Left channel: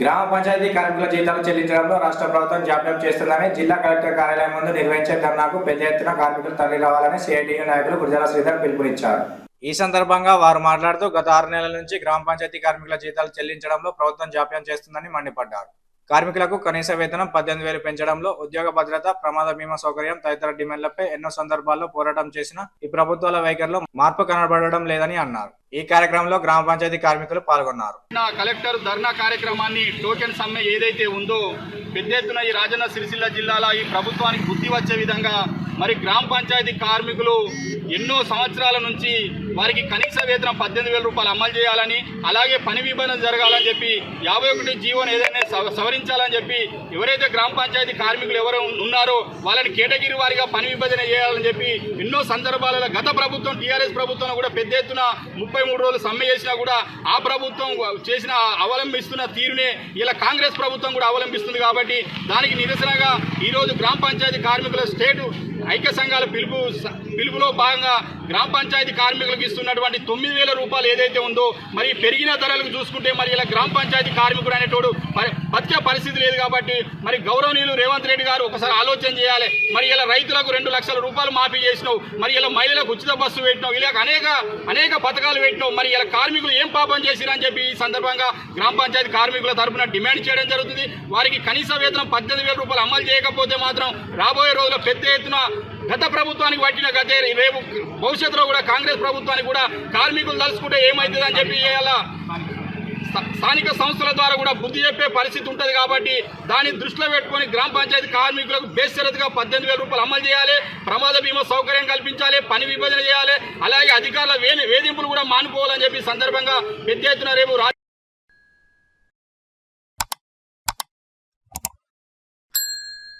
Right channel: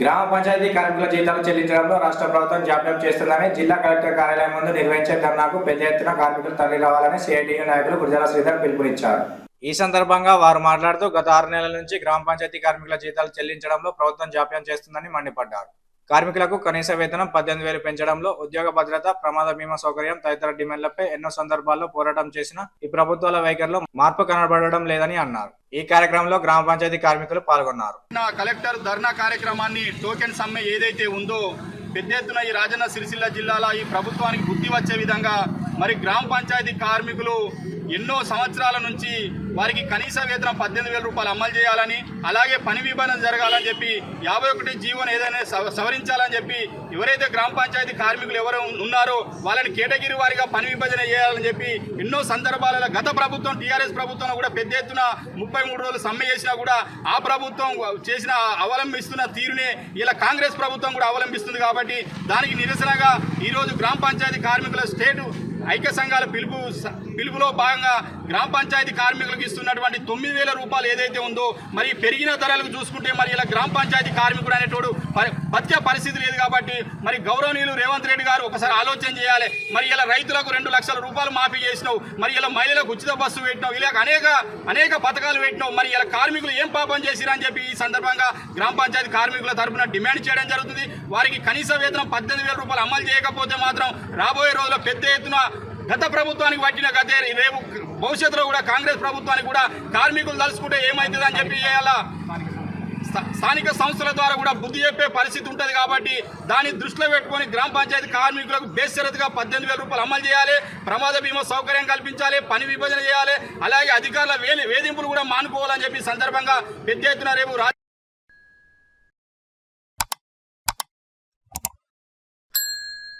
గ్రామ పంచాయతీ కార్మికుల జీతాలు చెల్లించడంలో రాష్ట్ర ప్రభుత్వం జాప్యం చేస్తుందని జిల్లా కలెక్టర్ కార్యాలయం ముందు నిర్వహించే ధర్నాకు పెద్ద ఎత్తున కార్మికులు తరలి రావాలని సిఐటియు నాయకులు గురజాల శ్రీధర్ పిలుపునిచ్చారు. ఈ సందర్భంగా వారు మాట్లాడుతూ గత 6 నెలల నుంచి గ్రామ పంచాయతీ కార్మికుల జీతాలు చెల్లించడంలో ప్రభుత్వం జాప్యం చేస్తుందని మండిపడ్డారు. కార్మికులకు కనీస వేతనం 18,000 పెంచడంలో, ఉద్యోగ భద్రత, ప్రమాద బీమా సౌకర్యం తదితర డిమాండ్లపై ఎన్నో సందర్భాల్లో పోరాటం చేసిన ఈ ప్రభుత్వాల వైఖరిలో మార్పు కనబడడం లేదని అన్నారు. ఈ కార్యక్రమంలో గ్రామ పంచాయతీ కార్మికులు పాల్గొన్నారు. కలెక్టర్ ధర్నా కార్యక్రమాన్ని టోకెన్ సమ్మె ఏదైతే ఉందో పెద్ద ఎత్తున ఈ రాజన్న సిరిసిల్ల జిల్లాలో ఈ ప్రభుత్వానికి బుద్ధి వచ్చే విధంగా మరి గ్రామ పంచాయతీ కార్మికులు ఎన్నో సంవత్సరాల నుంచి వారికి కనీస వేతనం 18,000 రూపాయలు అమలు చేయాలని, అలాగే పని విభజన జరగాలని చెప్పి 51 జీవోను ఏదైనా సవరించాలని చెప్పి ఎవరైతే గ్రామ పంచాయతీ కార్మికులు ఎవరు ఉన్నారో వాళ్ళని కేటగిరీ వారిగా పని విభజన చేయాలని చెప్పి ఎన్నో సందర్భాలలో గత ప్రభుత్వం టీఆర్ఎస్ ప్రభుత్వం కూడా పెద్ద ఎత్తున 33 రోజులు సమ్మె చేసినా కూడా ఆ ప్రభుత్వం చేసిన అవలంబిస్తున్న తీరుని ఇలా కాంగ్రెస్ ప్రభుత్వం కూడా అవలంబిస్తుంది. కాబట్టి దానికి నిరసనగా ఈరోజు గ్రామ పంచాయతీ కార్మికుల స్టేటు ఐక్య సంఘాల పిలుపులో భాగంగా గ్రామ పంచాయతీ కార్మికులకు ఇస్తున్నటువంటి 9,000 రూపాయలు ఏదైతే ఉందో మరి పెరిగిన ధరలకు చూసుకుంటే మరి ఇలా గ్రామ పంచాయతీ కార్మికుడు అనేటోడు బతికే పరిస్థితి లేదు. కాబట్టి మరి గౌరవనీయులు రేవంత్ రెడ్డి గారు ఒకసారి ఆలోచన చేయాలి. మరి ఇలా రైతులకు 2 లక్షల రూపాయలు మాఫీ చేసినావు, మరి ఇలా మహిళలకు ఉచిత బస్సు పెట్టినావు, ఇలా అనేక పథకాలు పెట్టినావు. మరి ఇలా కార్మికులు ఏం పాపం చేసిరని చెప్పి ఈ సందర్భంగా గ్రామ పంచాయతీ కార్మికుల తరఫున డిమాండ్ చేయడం జరుగుతుంది. వారికి కనీస వేతనం 18,000 రూపాయలు అమలు చేయకపోతే మాత్రం రాబోయే రోజుల్లో పెద్ద ఎత్తున గత ప్రభుత్వానికి పట్టిన గతే రేపు భవిష్యత్తులో కూడా కాంగ్రెస్ ప్రభుత్వానికి కూడా కార్మికులు తలుచుకుంటే ఏమవుతుందని చెప్పి ఇలా స్థానిక సంస్థల ద్వారా కూడా బుద్ధి చెప్పే పరిస్థితి ఉంటుంది. కాబట్టి దాన్ని దృష్టిలో పెట్టుకొని గ్రామ పంచాయతీ కార్మికులకు బేషరతుగా 18,000 రూపాయలు అమలు చేయాలి, ప్రమాద బీమా సౌకర్యం కల్పించాలి, పని విభజన చేయాలి, అలాగే అధికారుల వేధింపులు కూడా మానుకోవాలని చెప్పి సందర్భంగా పెద్ద ఎత్తున రేపు